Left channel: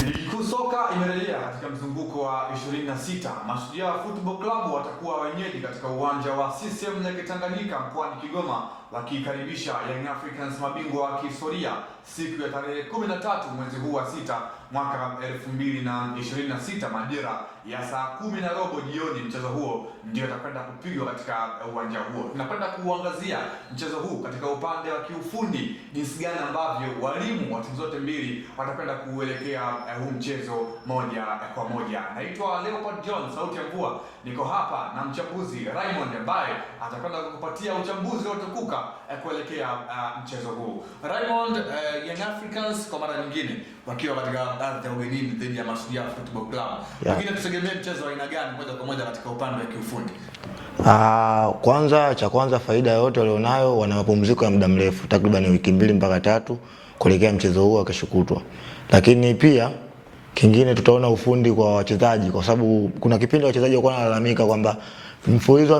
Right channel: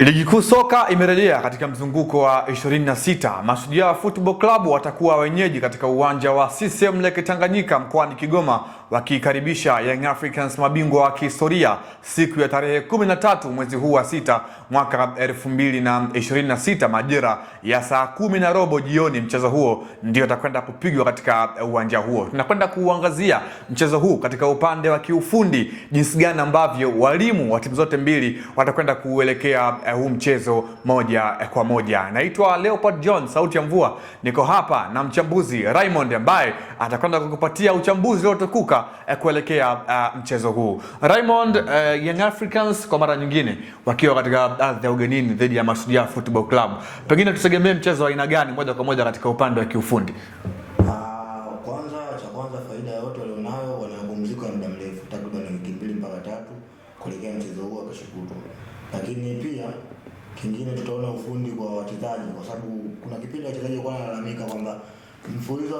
Ligi kuu soka imerejea katika mzunguko wa 26. Mashujaa Football Club watakuwa wenyeji katika uwanja wa CCM Lake Tanganyika mkoani Kigoma, wakikaribisha Young Africans, mabingwa wa kihistoria, siku ya tarehe 13 mwezi huu wa 6 mwaka 2026 majira ya saa 10:15 jioni. Mchezo huo ndio utakwenda kupigwa katika uwanja huo. Tunakwenda kuangazia mchezo huu katika upande wa kiufundi, jinsi gani ambavyo walimu wa timu zote mbili watakwenda kuelekea huu mchezo moja kwa moja. Naitwa Leopard John, sauti ya mvua. Niko hapa na mchambuzi Raymond ambaye atakwenda kukupatia uchambuzi uliotukuka kuelekea mchezo huu. Raymond, Young Africans kwa mara nyingine wakiwa katika ardhi ya ugenini dhidi ya Mashujaa Football Club. Pengine tutegemee mchezo wa aina gani moja kwa moja katika upande wa kiufundi? Kwanza faida yote walionayo, wana mapumziko ya muda mrefu takriban wiki 2 mpaka 3 kuelekea mchezo huo kesho kutwa. Lakini pia kingine tutaona ufundi kwa wachezaji, kwa sababu kuna kipindi wachezaji walikuwa wanalalamika kwamba mfululizo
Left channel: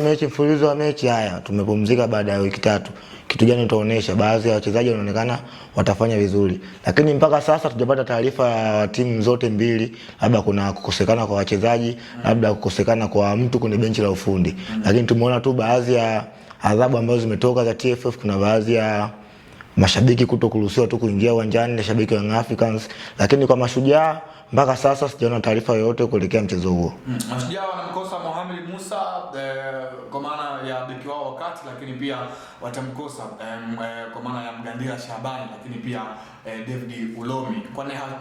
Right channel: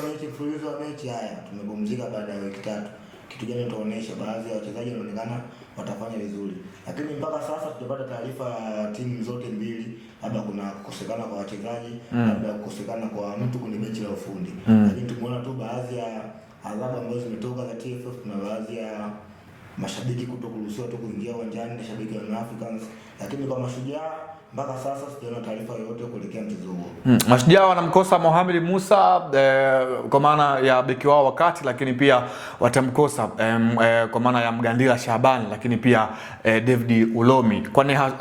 wa mechi haya tumepumzika baada ya wiki 3. Kitu gani utaonesha? Baadhi ya wachezaji wanaonekana watafanya vizuri, lakini mpaka sasa tujapata taarifa ya timu zote mbili, labda kuna kukosekana kwa wachezaji, labda kukosekana kwa mtu kwenye benchi la ufundi. Lakini tumeona tu baadhi ya adhabu ambazo zimetoka za TFF. Kuna baadhi ya mashabiki kutokuruhusiwa tu kuingia uwanjani na shabiki wa Young Africans, lakini kwa Mashujaa mpaka sasa sijaona taarifa yoyote kuelekea mchezo huo. Mashujaa wanamkosa Mohamed Musa kwa maana ya beki wao wakati, lakini pia watamkosa kwa maana ya Mgandila Shabani, lakini pia David Ulomi.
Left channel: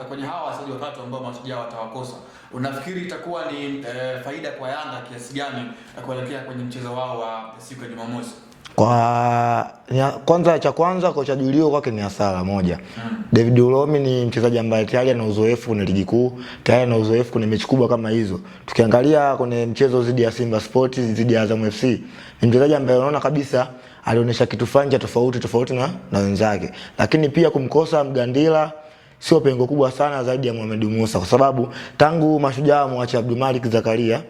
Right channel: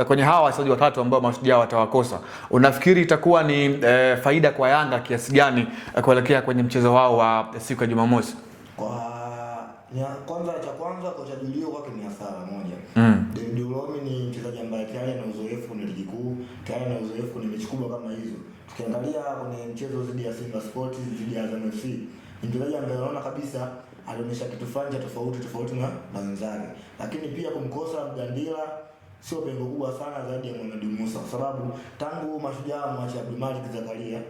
Kwenye hawa wachezaji watatu ambao Mashujaa watawakosa, unafikiri itakuwa ni faida kwa Yanga kiasi gani kuelekea kwenye mchezo wao wa siku ya Jumamosi? Kwanza kocha Julio kwake ni hasara moja. David Ulomi ni mchezaji ambaye tayari ana uzoefu kwenye ligi kuu, tayari ana uzoefu kwenye mechi kubwa kama hizo. Tukiangalia kwenye mchezo dhidi ya Simba Sports, dhidi ya Azam FC, ni mchezaji ambaye unaona kabisa alionyesha kitu fanja tofauti na wenzake. Lakini pia kumkosa Mgandila sio pengo kubwa sana zaidi ya Mohamed Musa, kwa sababu tangu Mashujaa mwache Abdul Malik Zakaria,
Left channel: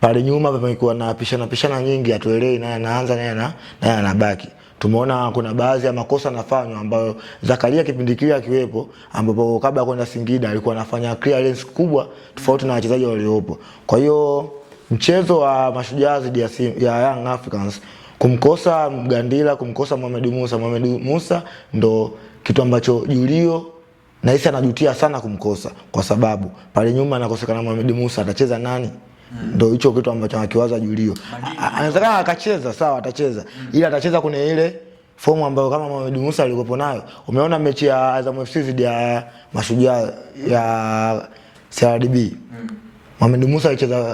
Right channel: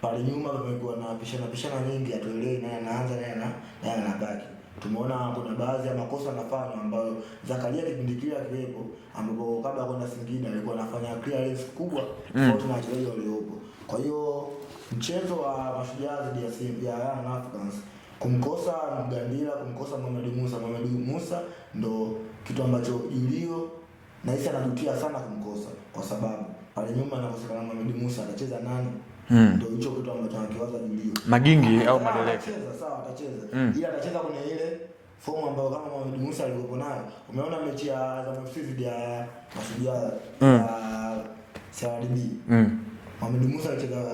pale nyuma pamekuwa na pishana nyingi, atuelewi naye anaanza naye anabaki. Tumeona kuna baadhi ya makosa yanafanywa ambayo Zakaria kipindi kile akiwepo, ambapo kabla kwenda Singida alikuwa anafanya clearance kubwa tofauti na wachezaji waliopo. Kwa hiyo mchezo wa Mashujaa dhidi ya Young Africans, kumkosa Mgandila, kumkosa Mohamed Musa ndo kitu ambacho Julio na hisi anajutia sana kumkosa, kwa sababu pale nyuma anakosekana Mohamed Musa, atacheza nani? Ndio hicho kitu ambacho anakiwaza Julio. Anataka akacheza sawa, atacheza. Ila atacheza kwenye ile fomu ambayo kama Mohamed Musa alikuwa nayo. Umeona mechi ya Azam FC dhidi ya Mashujaa ya CRDB. Mohamed Musa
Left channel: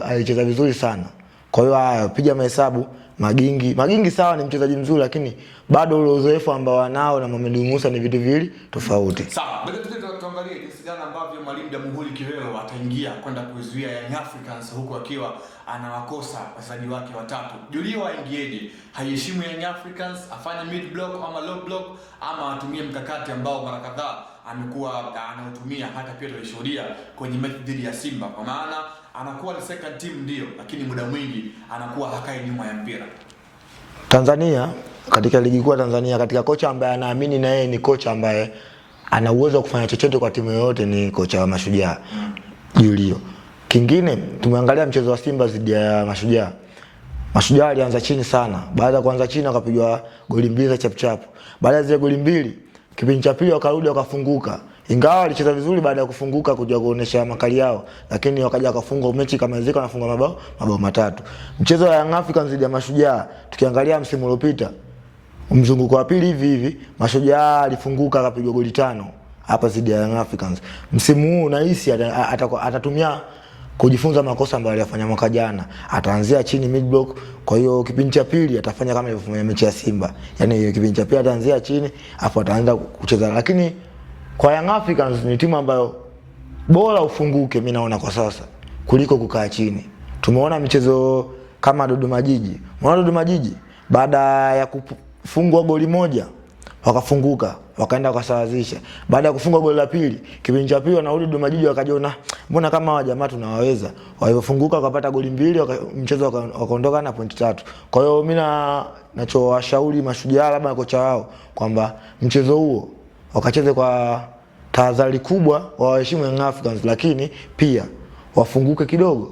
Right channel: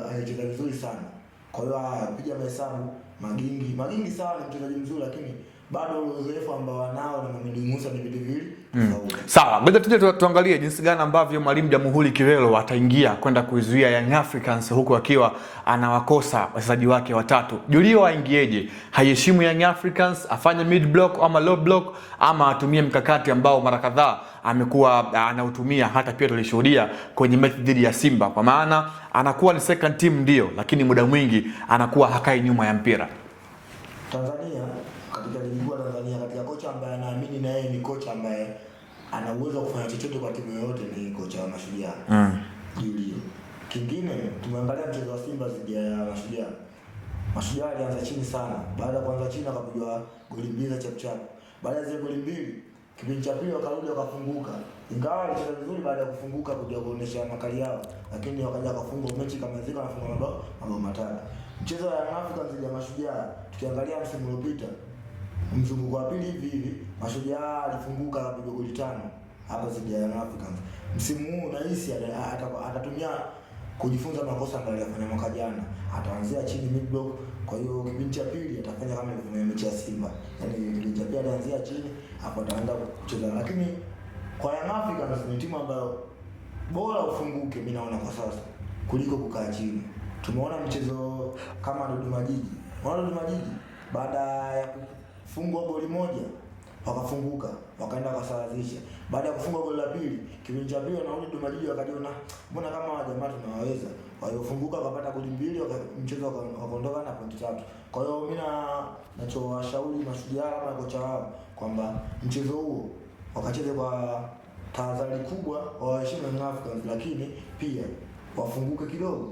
alicheza vizuri sana. Kwa hiyo piga mahesabu, Magingi sawa, ni mchezaji mzuri, lakini bado ule uzoefu ambao wanao na Mohamed Musa ni vitu viwili tofauti. Sawa, ngoja tuje tuangalie jinsi gani ambavyo mwalimu Jamhuri Kivelo ataingia kwenda kuizuia Young Africans huku akiwa anawakosa wachezaji wake watatu. Julio aingieje? Haiheshimu Young Africans, afanye mid block ama low block, ama atumie mkakati ambao mara kadhaa amekuwa anautumia, hata pia tulishuhudia kwenye mechi dhidi ya Simba, kwa maana anakuwa ni second team ndio, lakini muda mwingi anakuwa hakai nyuma ya mpira. Tanzania, katika ligi kuu Tanzania, katika kocha ambaye anaamini na yeye ni kocha ambaye ana uwezo wa kufanya chochote kwa timu yoyote, ni kocha wa Mashujaa Julio. Kingine, tumeangalia mchezo wa Simba dhidi ya Mashujaa. Mashujaa alianza chini sana. Baada ya kuanza chini akapigwa goli 2 za chap. Baada ya zile goli 2, kipindi cha pili wakarudi wakafunguka. Ingawa alicheza vizuri baada ya kufunguka kuja kuonesha makali yao, lakini wakaja wakafunga mechi kama zika, wanafunga mabao 3. Mchezo wa Young Africans dhidi ya Mashujaa, tukiangalia msimu uliopita, mzunguko wa pili hivi Mashujaa alifunguka akapigwa goli 5 hapa dhidi ya Young Africans. Msimu huu nahisi atatumia kujifunza makosa ambayo aliyafanya mwaka jana. Ataanzia chini mid block, kwa hiyo kipindi cha pili atafanya kama alivyofanya mechi ya Simba. Yaani kipindi cha pili ataanzia chini afu ataanza kucheza. Lakini kwa Young Africans ni timu ambayo bora ufunguke, mimi naona kwa sasa, kuliko kukaa chini. Tumeona michezo kama Dodoma Jiji. Dodoma Jiji baada ya kufungwa goli 1 wakafunguka, wakaenda wakasawazisha. Baada ya kufungwa goli la pili, kipindi cha pili wanarudi Dodoma Jiji, wakajiona mbona kama hawa jamaa tunawaweza. Walipofunguka wakapata goli 2, mchezo wakaondoka na point 3. Kwa hiyo mimi nachowashauri Mashujaa labda kocha wao kwamba mchezo huo wakacheze kwa tahadhari kubwa waheshimu Young Africans, lakini pia wafunguke kidogo.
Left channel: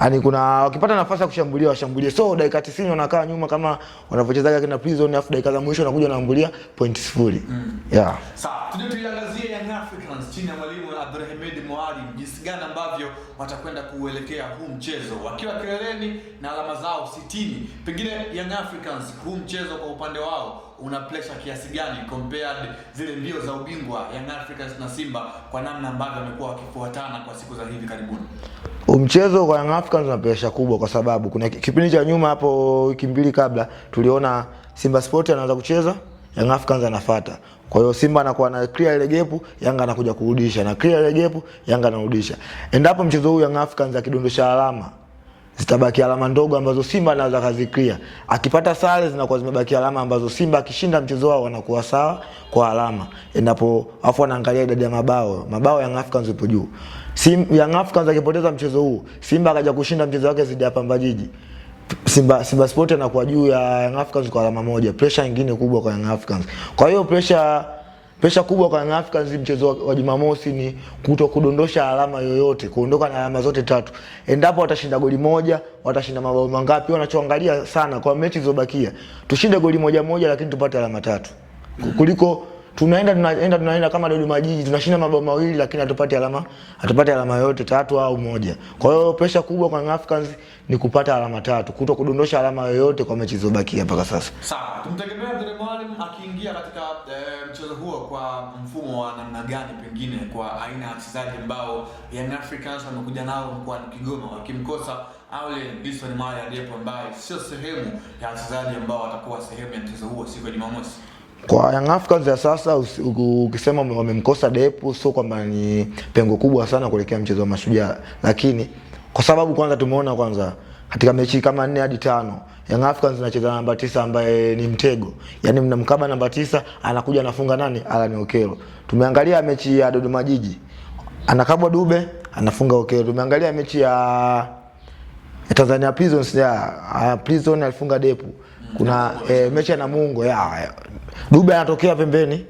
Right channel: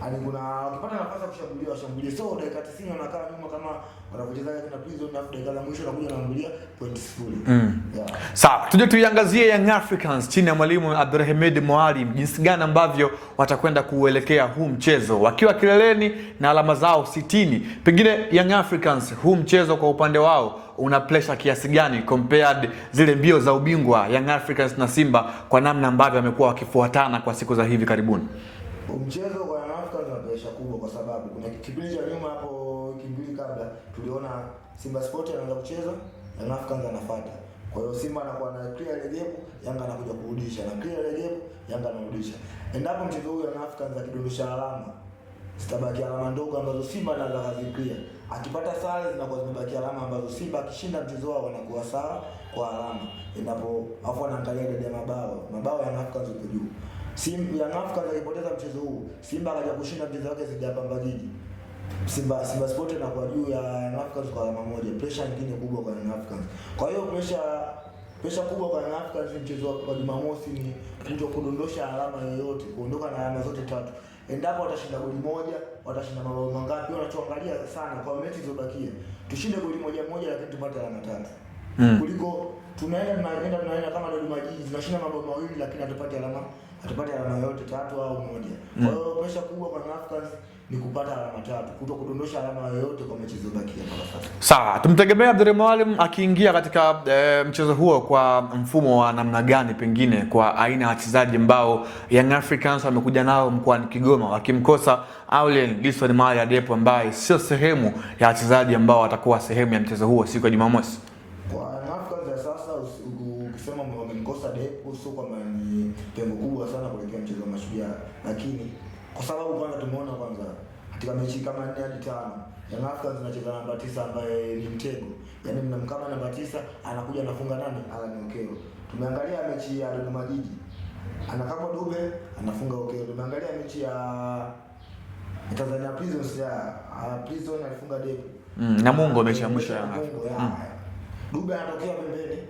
Yaani kuna wakipata nafasi ya kushambulia washambulie. So dakika 90 wanakaa nyuma kama wanavyochezaga kina Prison, afu dakika za mwisho wanakuja wanaambulia point 0. Yeah. Sawa, tuje tuiangazie Young Africans chini ya mwalimu Abdulhamid Mwalim, jinsi gani ambavyo watakwenda kuelekea huu mchezo wakiwa kileleni na alama zao 60. Pengine Young Africans huu mchezo kwa upande wao una pressure kiasi gani compared zile mbio za ubingwa Young Africans na Simba kwa namna ambavyo wamekuwa wakifuatana kwa siku za hivi karibuni? Mchezo kwa Young Africans una pressure kubwa kwa sababu kuna kipindi cha nyuma hapo wiki mbili kabla tuliona Simba Sport anaanza kucheza, Young Africans anafuata. Kwa hiyo Simba anakuwa na clear ile gap, Yanga anakuja kurudisha, na clear ile gap, Yanga anarudisha. Endapo mchezo huu Young Africans akidondosha alama, zitabaki alama ndogo ambazo Simba anaweza kazi clear. Akipata sare zinakuwa zimebaki alama ambazo Simba akishinda mchezo wao wanakuwa sawa kwa alama. Endapo afu anaangalia idadi ya mabao Young Africans ipo juu. Young Africans akipoteza mchezo huu, Simba akaja kushinda mchezo wake dhidi ya Pamba Jiji, Simba Sport anakuwa juu ya Young Africans kwa alama moja. Pressure nyingine kubwa kwa Young Africans. Kwa hiyo pressure kubwa kwa Young Africans mchezo wa Jumamosi ni kudondosha alama yoyote, kuondoka na alama zote 3. Endapo watashinda goli moja, watashinda mabao mangapi, wanachoangalia sana kwa mechi zilizobakia. Tushinde goli moja lakini tupate alama 3. Kuliko tunaenda kama Dodoma Jiji tunashinda mabao 2 lakini hatupati alama yote 3 au 1. Kwa hiyo pressure kubwa kwa Young Africans ni kupata alama 3, kudondosha alama yoyote kwa mechi zilizobakia mpaka sasa. Sawa, tumtegemea Abdul Mwalim akiingia katika mchezo huo kwa mfumo wa namna gani, pengine kwa aina ya wachezaji ambao Young Africans wamekuja nao mkoani Kigoma, wakimkosa Aulen Gilson Mali Adepo ambaye sio sehemu ya wachezaji ambao watakuwa sehemu ya mchezo huo siku ya Jumamosi. Kwa Young Africans ya sasa ukisema wamemkosa Depu sio kwamba ni pengo kubwa sana kuelekea mchezo wa Mashujaa, lakini kwa sababu kwanza tumeona katika mechi kama 4 hadi 5 Young Africans anacheza namba 9 ambaye ni mtego. Yaani mnamkaba namba 9 anakuja anafunga nani? Alan Okelo. Tumeangalia mechi ya Dodoma Jiji, anakabwa Dube, anafunga Okelo. Tumeangalia mechi ya Tanzania Prisons Prison alifunga Depu. Kuna mechi ya Namungo Dube anatokea pembeni,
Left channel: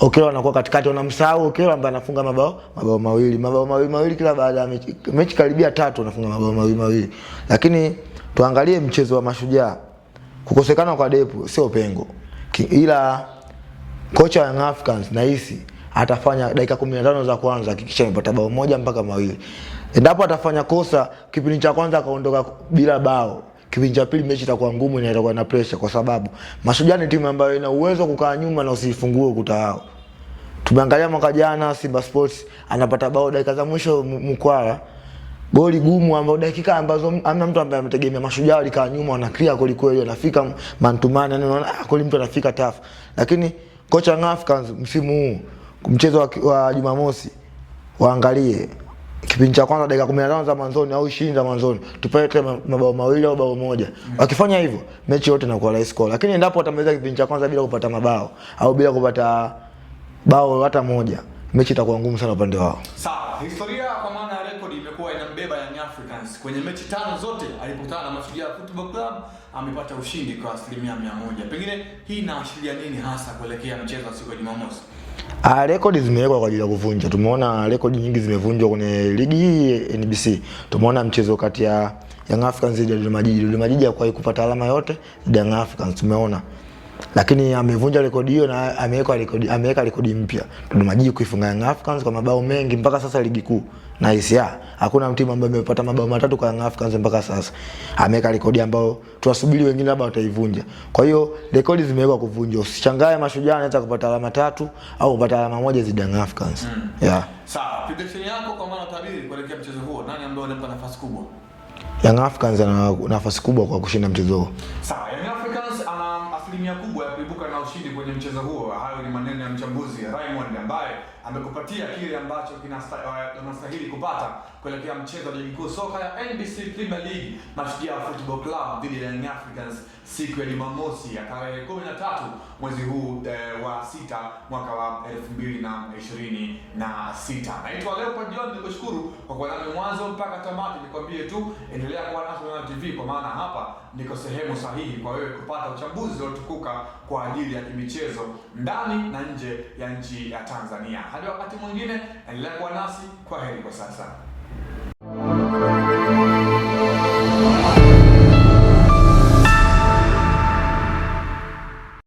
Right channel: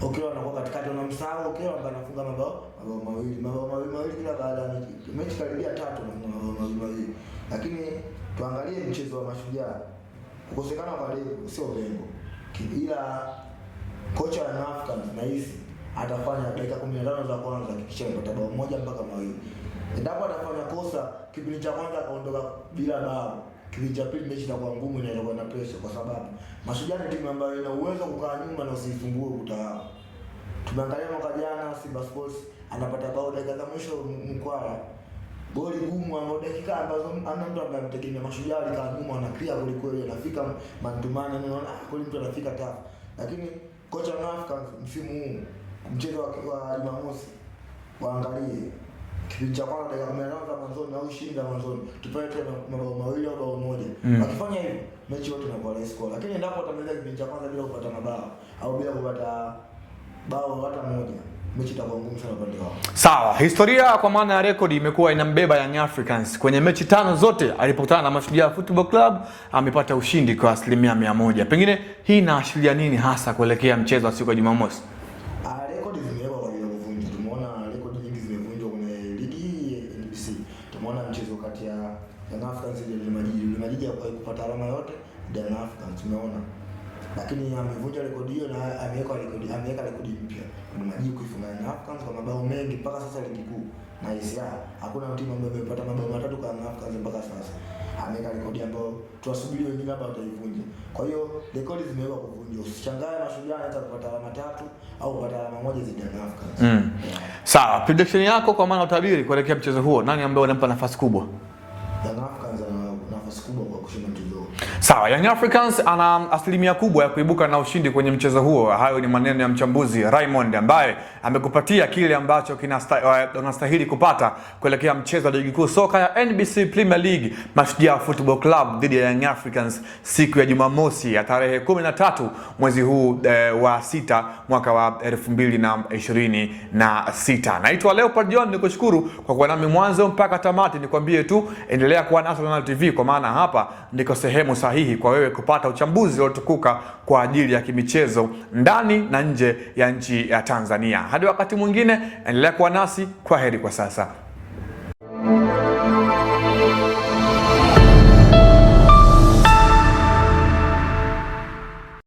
Okelo anakuwa katikati, unamsahau Okelo ambaye anafunga mabao 2 kila baada ya mechi karibia 3 anafunga mabao 2. Lakini tuangalie mchezo wa Mashujaa, kukosekana kwa Depu sio pengo, ila kocha wa Young Africans nahisi atafanya dakika 15 za kwanza hakikisha amepata bao 1 mpaka 2. Endapo atafanya kosa kipindi cha kwanza akaondoka bila bao, kipindi cha pili mechi itakuwa ngumu na itakuwa na pressure, kwa sababu Mashujaa ni timu ambayo ina uwezo kukaa nyuma na usifungue ukuta wao. Tumeangalia mwaka jana Simba Sports anapata bao dakika za mwisho Mkwara, goli gumu ambao dakika ambazo hamna mtu ambaye ametegemea. Mashujaa walikaa nyuma wana clear goli kweli, wanafika mantumana, unaona goli mtu anafika tafu. Lakini kocha Young Africans msimu huu mchezo wa Jumamosi waangalie kipindi cha kwanza dakika 15 za mwanzoni au 20 za mwanzoni tupate mabao 2 au bao 1. Wakifanya hivyo mechi yote inakuwa rahisi kwa. Lakini endapo watamaliza kipindi cha kwanza bila kupata mabao au bila kupata bao hata moja, mechi itakuwa ngumu sana upande wao. Sawa, historia kwa maana ya rekodi imekuwa inambeba Young Africans. Kwenye mechi 5 zote alipokutana na Mashujaa Football Club amepata ushindi kwa 100%. Pengine hii inaashiria nini hasa kuelekea mchezo wa siku ya Jumamosi? Rekodi zimewekwa kwa ajili ya kuvunja. Tumeona rekodi nyingi zimevunjwa kwenye ligi hii NBC. Tumeona mchezo kati ya Young Africans dhidi ya Dodoma Jiji. Dodoma Jiji hakuwahi kupata alama yote dhidi ya Young Africans, tumeona. Lakini amevunja rekodi hiyo na ameweka rekodi mpya. Dodoma Jiji kuifunga Young Africans kwa mabao mengi mpaka sasa ligi kuu. Na hisia hakuna timu ambayo imepata mabao 3 kwa Young Africans mpaka sasa. Ameweka rekodi ambayo tunasubiri wengine labda wataivunja. Kwa hiyo rekodi zimewekwa kuvunjwa. Usichangae Mashujaa anaweza kupata alama 3 au kupata alama 1 dhidi ya Young Africans. Sawa, prediction yako kwa maana utabiri kuelekea mchezo huo, nani ambaye anampa nafasi kubwa? Young Africans ana nafasi kubwa kwa kushinda mchezo huo. Sawa, Young Africans ana asilimia kubwa ya kuibuka na ushindi kwenye mchezo huo. Hayo ni maneno ya mchambuzi Raymond ambaye amekupatia kile ambacho unastahili kupata kuelekea mchezo wa ligi kuu soka ya NBC Premier League, Mashujaa Football Club dhidi ya Young Africans siku ya Jumamosi ya tarehe 13 mwezi huu wa 6 mwaka wa 2026. Naitwa Leopard John, nikushukuru kwa kuwa nami mwanzo mpaka tamati. Nikwambie tu endelea endelea kuwa nasi Arsenal TV, kwa maana hapa ndiko sehemu sahihi kwa wewe kupata uchambuzi uliotukuka kwa ajili ya kimichezo ndani na nje ya nchi ya Tanzania. Hadi wakati mwingine, endelea kuwa nasi. Kwaheri kwa sasa.